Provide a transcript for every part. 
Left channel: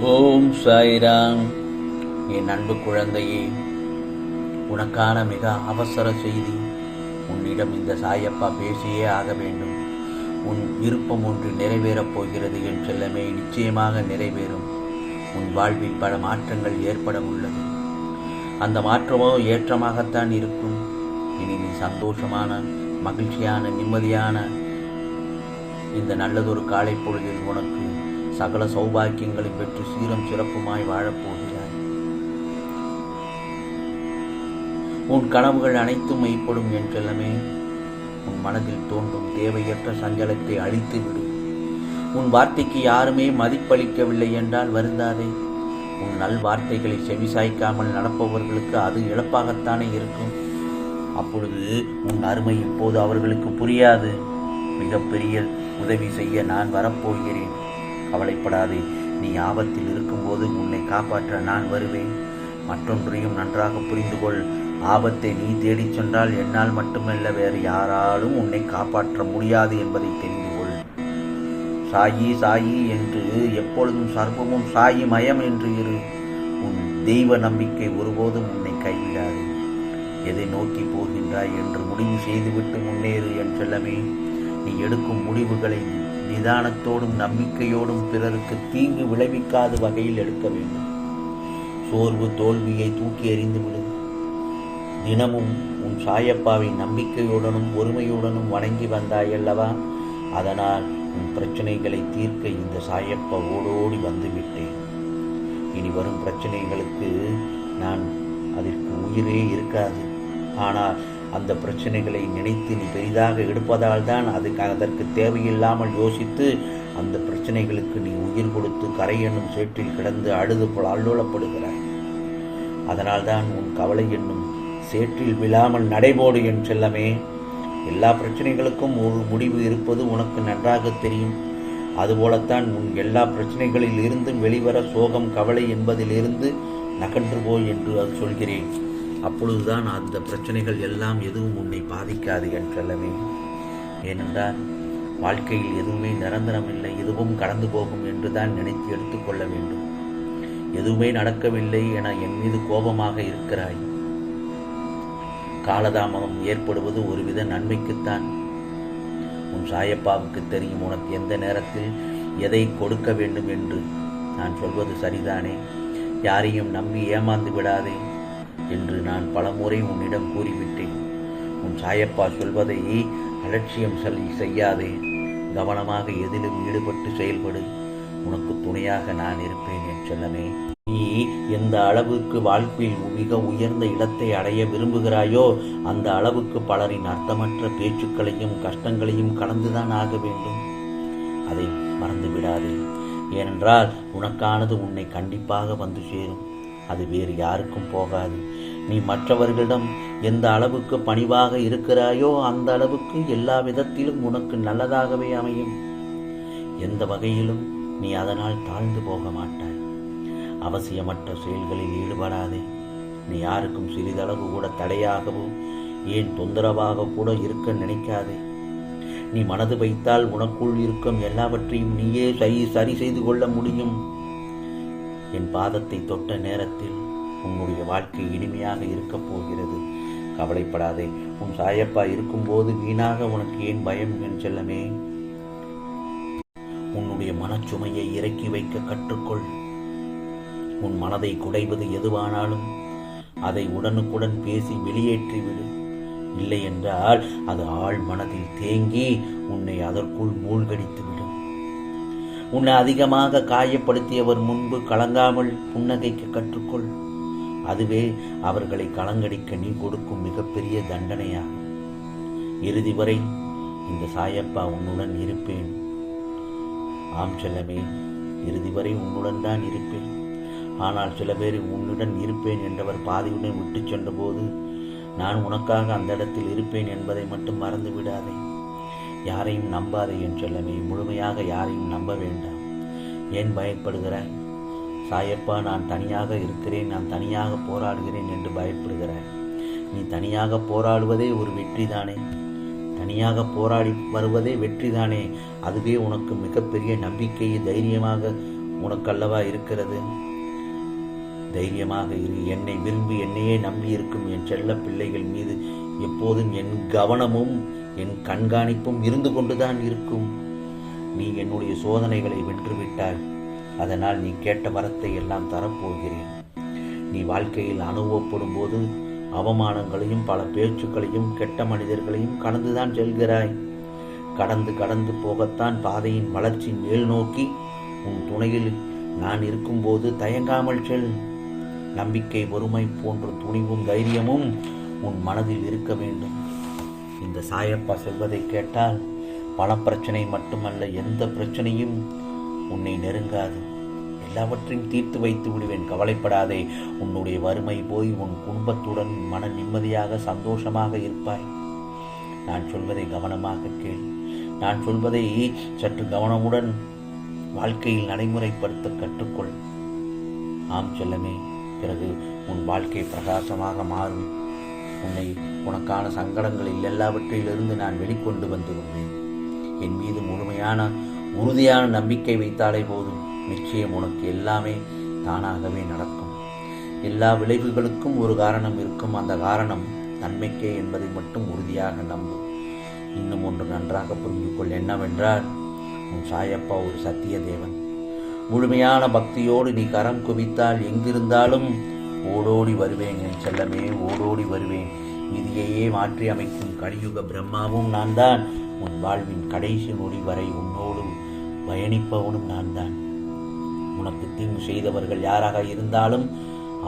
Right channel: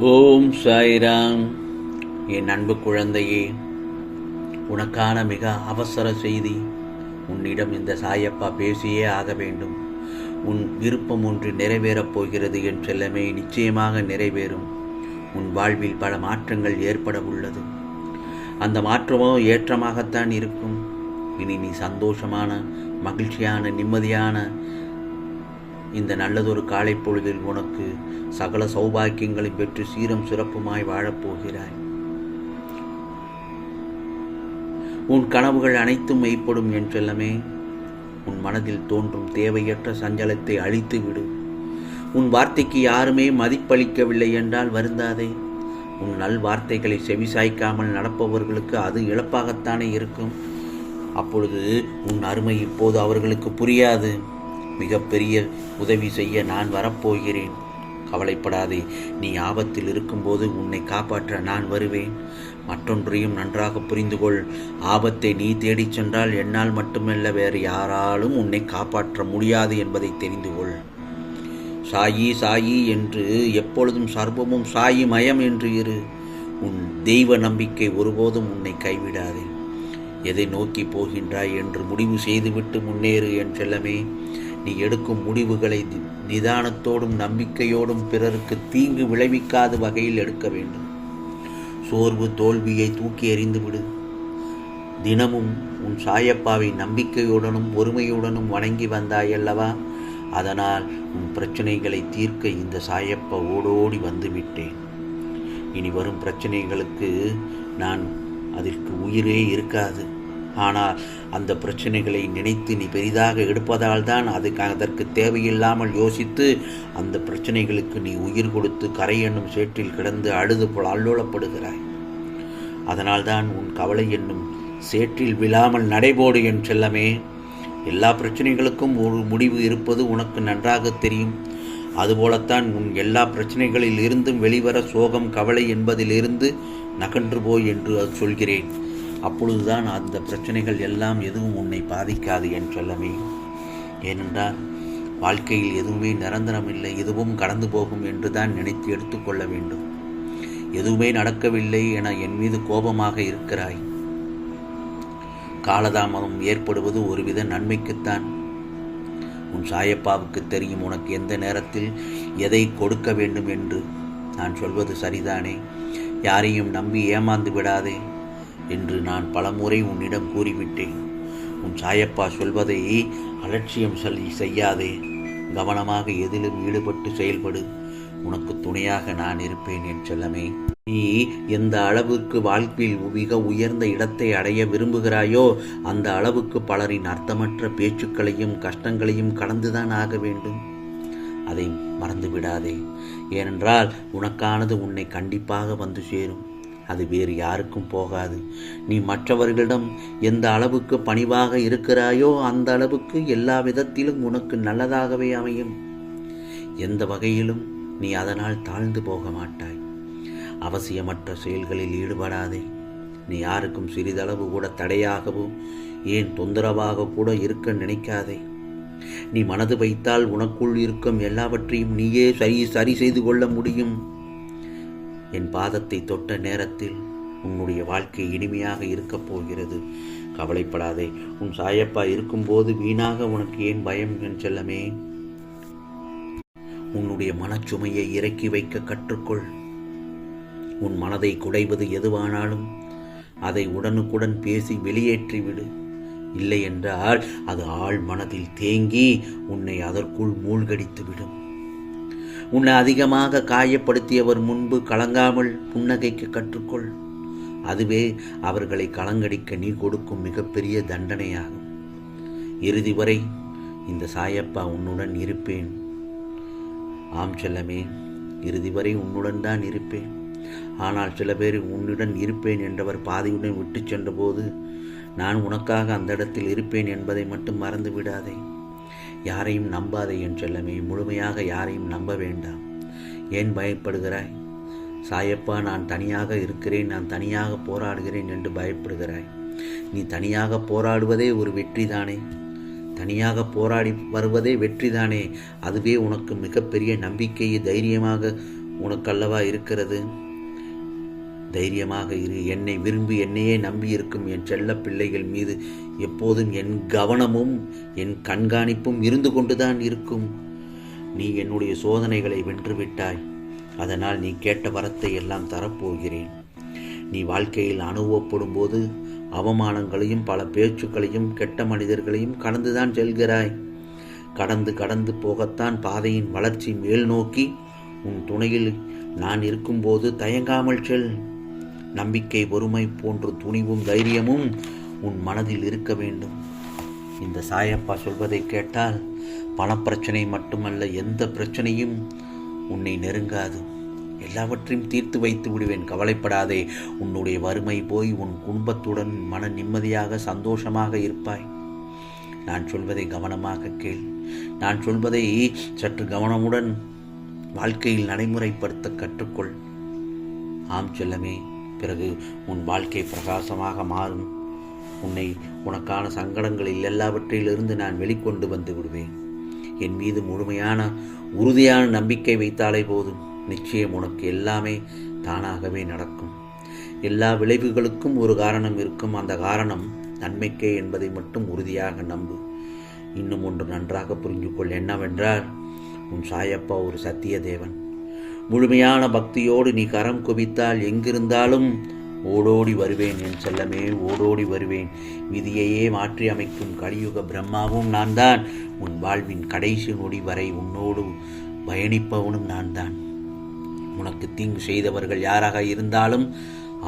ஓம் சாய்ராம். என் அன்பு குழந்தையே உனக்கான மிக அவசர செய்தி உன்னிடம் இந்த சாயப்பா பேசியே ஆக வேண்டும். உன் விருப்பம் ஒன்று நிறைவேறப் போகிறது என் செல்லமே நிச்சயமாக நிறைவேறும். உன் வாழ்வில் பல மாற்றங்கள் ஏற்பட உள்ளது. அந்த மாற்றமோ ஏற்றமாகத்தான் இருக்கும். இனி நீ சந்தோஷமான மகிழ்ச்சியான நிம்மதியான இந்த நல்லதொரு காலை பொழுதில் உனக்கு சகல சௌபாக்கியங்களை பெற்று சீரம் சிறப்புமாய் வாழப்போகிறாய். உன் கனவுகள் அனைத்தும் மெய்ப்படும் என் செல்லமே உன் மனதில் தோன்றும் தேவையற்ற சஞ்சலத்தை அழித்து விடும் உன் வார்த்தைக்கு யாருமே மதிப்பளிக்கவில்லை என்றால் வருந்தாதே. உன் நல் வார்த்தைகளை செவிசாய்க்காமல் நடப்பவர்களுக்கு அது இழப்பாகத்தானே இருக்கும். அப்பொழுது உன் அருமை இப்போது அவர்களுக்கு புரியாது. மிகப்பெரிய உதவி செய்ய நான் வரப்போகிறேன். கவலைப்படாதே. நீ ஆபத்தில் இருக்கும்போது உன்னை காப்பாற்ற நான் வருவேன். மற்றொன்றையும் நன்றாக புரிந்து கொள் ஆபத்தை நீ தேடிச் சென்றால் என்னால் மட்டுமல்ல வேறு யாராலும் உன்னை காப்பாற்ற முடியாது என்பதை தெரிந்து கொள். சாயி சாயி என்று எப்பொழுதும் சர்வமும் சாயி மயம் என்று இரு. உன் தெய்வ நம்பிக்கை ஒருபோதும் உன்னை கைவிடாதே. எதை நோக்கி போகின்றாய் என்று முடிவு செய்துவிட்டு முன்னேறு என் செல்லமே. நீ எடுக்கும் முடிவுகளை நிதானத்தோடும் நம்பிக்கையோடும் பிறருக்கு தீங்கு விளைவிக்காத வகையில் எடுக்க வேண்டும். சோர்வு தோல்வியை தூக்கி எறிந்துவிடு தினமும் உன் சாயப்பாவை நம்பிக்கையுடனும் பொறுமையுடனும் வணங்கி வந்தாயல்லவா அதனால் உன் பிரச்சனைகளை தீர்க்க இந்த சாயப்பா ஓடோடி வந்துவிட்டேன் இனி வரும் பிரச்சனைகளுக்கு நான் அதற்கு உயிரே இருக்காது. ஆனால் அந்த பிரச்சனைகளை நினைத்து நீ பெரிதாக எடுப்பதால் தான் அதுக்கு அதற்கு தேவையில்லாமல் யோசித்து அந்த பிரச்சனைகளுக்கு நீ உயிர் கொடுத்து கரை என்னும் சேற்றில் கிடந்து அழுது போல் அல்லோலப்படுகிறாய். அதனால்தான் உன் கவலை என்னும் சேற்றில் விழாமல் நடைபோடு என் செல்லமே. எல்லா பிரச்சனைகளுக்கும் ஒரு முடிவு இருப்பது உனக்கு நன்றாக தெரியும். அதுபோலத்தான் உன் எல்லா பிரச்சனைகளில் இருந்தும் வெளிவர சோகம் கவலை என்பதிலிருந்து நகன்று போய் என்று சொல்கிறேன். அப்பொழுதுதான் அந்த பிரச்சனைகள் எல்லாம் எதுவும் உன்னை பாதிக்காது என் செல்லமே. ஏனென்றால் வாழ்க்கையில் எதுவுமே நிரந்தரமில்லை எதுவும் கடந்து போகும் என்று தான் நினைத்து எடுத்துக்கொள்ள வேண்டும். எதுவுமே நடக்கவில்லை என என் மீது கோபமாக இருக்கிறாய். காலதாமதம் ஏற்படுவது ஒருவித நன்மைக்குத்தான். உன் சாயப்பாவுக்கு தெரியும் உனக்கு எந்த நேரத்தில் எதை கொடுக்க வேண்டும் என்று. நான் சொல்வது சரிதானே? யாரையும் நம்பி ஏமாந்து விடாதே. என்று நான் பலமுறை உன்னிடம் கூறிவிட்டேன். உன் சாயப்பா சொல்வதை அலட்சியம் செய்யாதே. கவனமாக எதிலும் ஈடுபட்டு செயல்படு. உனக்கு துணையாக நான் இருப்பேன் என் செல்லமே. நீ எந்த அளவுக்கு வாழ்க்கையில் மிக உயர்ந்த இடத்தை அடைய விரும்புகிறாயோ அந்த அளவுக்கு பலரின் அர்த்தமற்ற பேச்சுக்களையும் கஷ்டங்களையும் கடந்துதான் ஆக வேண்டும். அதை மறந்து விடாதே ஏனென்றால் உனக்கானது உன்னை கண்டிப்பாக வந்து சேரும். அது வேறு யாருக்கும் போகாது. நீ மற்றவர்களிடம் எந்த அளவுக்கு பணிவாக இருக்கிறாயோ அந்த அளவுக்கு எல்லா விதத்திலும் உனக்கு நல்லதாகவே அமையும். எந்த வகையிலும் நீ அதனால் தாழ்ந்து போக மாட்டாய். அவசியமற்ற செயல்களில் ஈடுபடாதே. நீ யாருக்கும் சிறிதளவு கூட தடையாகவும் ஏன் தொந்தரவாக கூட இருக்க நினைக்காதே. நீ மனது வைத்தால் உனக்குள் இருக்கும் எல்லாவற்றையும் நீயே சரி சரி செய்து கொள்ள முடியும். என் பாதத்தை தொட்ட நேரத்தில் உன்னுடைய வாழ்க்கை இனிமையாக இருக்கப் போகிறது. கவலைப்படாதே உன் சாயப்பா இருக்கும்போது வீணாக உனக்கு ஏன் பயம் என் செல்லமே? உன்னுடைய மனச்சுமையை இறக்கி வைக்க கற்றுக்கொள். உன் மனதை குடைவது எதுவானாலும் அதை உடனுக்குடன் பேசி வெளியேற்றிவிடு. இல்லை என்றால் அது ஆள் மனதில் தேங்கி உன்னை அதற்குள் மூழ்கடித்து விடும் உன்னை அதிகமாக காயப்படுத்தியவர் முன்பு கலங்காமல் புன்னகைக்க கற்றுக்கொள். அதுவே அவர்களை கலங்கடிக்க நீ கொடுக்கும் மிகப்பெரிய தண்டனையாகும். இறுதி வரை இந்த சாயப்பா உன்னுடன் இருப்பேன். ஆம் செல்லமே இறுதி வரை உன்னுடன் தான் இருப்பேன். ஆனால் சில பேர் உன்னுடன் இருப்பேன் என்றவர் பாதியுடன் விட்டு சென்றபோது நான் உனக்காக அந்த இடத்தில் இருப்பேன் என்பதை மட்டும் மறந்து விடாதே யாரையும் நம்பாதே என் செல்லமே. முழுமையாக யாரையும் நம்ப வேண்டாம். ஏன் பயப்படுகிறாய்? சாயப்பா நான் தனியாக இருக்கிறேன். நான் தனியாக போராடுகிறேன் என்று பயப்படுகிறாய். நீ தனியாக போராடுவதே ஒரு வெற்றிதானே? தனியாக போராடி வருவதே வெற்றிதானே? அதுவே உனக்கு மிகப்பெரிய நம்பிக்கையை தைரியமாக உனக்கல்லவா இருக்கிறது? தைரியமாக இரு. என்னை விரும்பி என்னையே நம்பி இருக்கும் என் செல்ல பிள்ளைகள் மீது எப்போதும் என் கவனமும் என் கண்காணிப்பும் இருந்து கொண்டுதான் இருக்கும். நீ என்னுடைய சோதனைகளை வென்றுவிட்டாய். அதனால் நீ கேட்ட வரத்தை எல்லாம் தரப்போகிறேன். நீ வாழ்க்கையில் அனுபவப்படும் போது அவமானங்களையும் பல பேச்சுக்களையும் கெட்ட மனிதர்களையும் கடந்துதான் செல்கிறாய். கடந்து கடந்து போகத்தான் பாதையின் வளர்ச்சி மேல் நோக்கி உன் துணையில் நான் இருக்கும்போது தயங்காமல் செல். நம்பிக்கை ஒருமை போன்ற துணிவும் தைரியமும் உன் மனதில் இருக்க வேண்டும். இந்த சாயப்பா சொல்வதை கேட்டால் பணப்பிரச்சனை மட்டுமல்ல எந்த பிரச்சனையும் உன்னை நெருங்காது. எல்லாவற்றையும் தீர்த்து வைத்து விடுவேன் கவலைப்படாதே. உன்னுடைய வறுமை போய் உன் குடும்பத்துடன் மன நிம்மதியாக சந்தோஷமாக இருப்பாய். நான் சொல்வதை கவனமாக கேள். நான் சொல்வதை சற்று கவனமுடன் வாழ்க்கையில் நடைமுறைப்படுத்த கற்றுக்கொள். ஆம் செல்லமே. பிறகு உன் வாழ்க்கை பிரகாசமாக மாறும். உன்னை உனக்கான சங்கடங்களில் எல்லாவற்றிலிருந்து நான் வெளிக்கொண்டு வந்து விடுவேன். என் மீது முழுமையான உறுதியான நம்பிக்கை வைத்தாலே போதும். நிச்சயம் உனக்கு எல்லாமே தானாகவே நடக்கும். எல்லா விளைவுகளுக்கும் ஒரு காரணம் இருக்கும். அந்த காரணம் நன்மைக்கே என்பதை மட்டும் உறுதியாக நம்பு. இன்னும் ஒன்று நன்றாக புரிஞ்சுக்கொள் என்னவென்றால் உன் சாயப்பா ஒரு சத்திய தேவன் முழுமையான பக்தியோடு நீ கரம் குவித்தால் எங்கிருந்தாலும் ஓடோடி வருவேன் என் செல்லமே ஓடோடி வருவேன். விதியையே மாற்றி அமைக்கும் கலியுக பிரம்மாவும் நான் தான் உன் வாழ்வின் கடைசி நொடி வரை உன்னோடு பயணிப்பவனும் நான் தான் உனக்கு தீங்கு செய்தவர்கள் யாராக இருந்தாலும்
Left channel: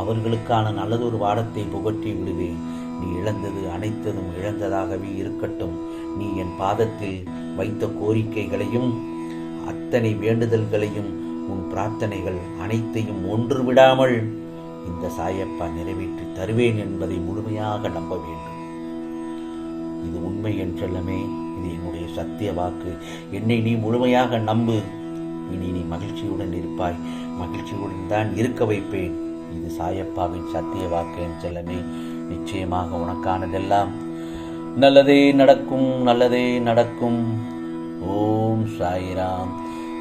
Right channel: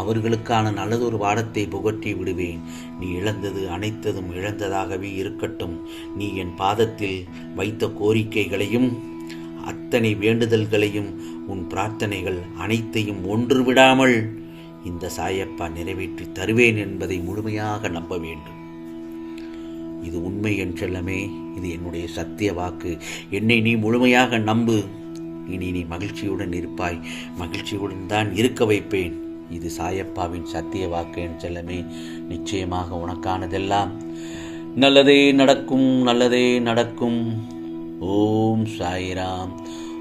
அவர்களுக்கான நல்லதொரு வாடத்தை புகட்டி விடுவேன். நீ இழந்தது அனைத்ததும் இழந்ததாகவே இருக்கட்டும். நீ என் பாதத்தில் வைத்த கோரிக்கைகளையும் அத்தனை வேண்டுதல்களையும் உன் பிரார்த்தனைகள் அனைத்தையும் ஒன்று விடாமல் இந்த சாயப்பா நிறைவேற்றி தருவேன் என்பதை முழுமையாக நம்ப வேண்டும். இது உண்மை என் செல்லமே இது என்னுடைய சத்திய வாக்கு. என்னை நீ முழுமையாக நம்பு. இனி நீ மகிழ்ச்சியுடன் இருப்பாய். மகிழ்ச்சியுடன் தான் இருக்க வைப்பேன். இது சாயப்பாவின் சத்திய வாக்கு என் செல்லமே. நிச்சயமாக உனக்கானதெல்லாம் நல்லதே நடக்கும் நல்லதே நடக்கும். ஓம் சாய்ராம்.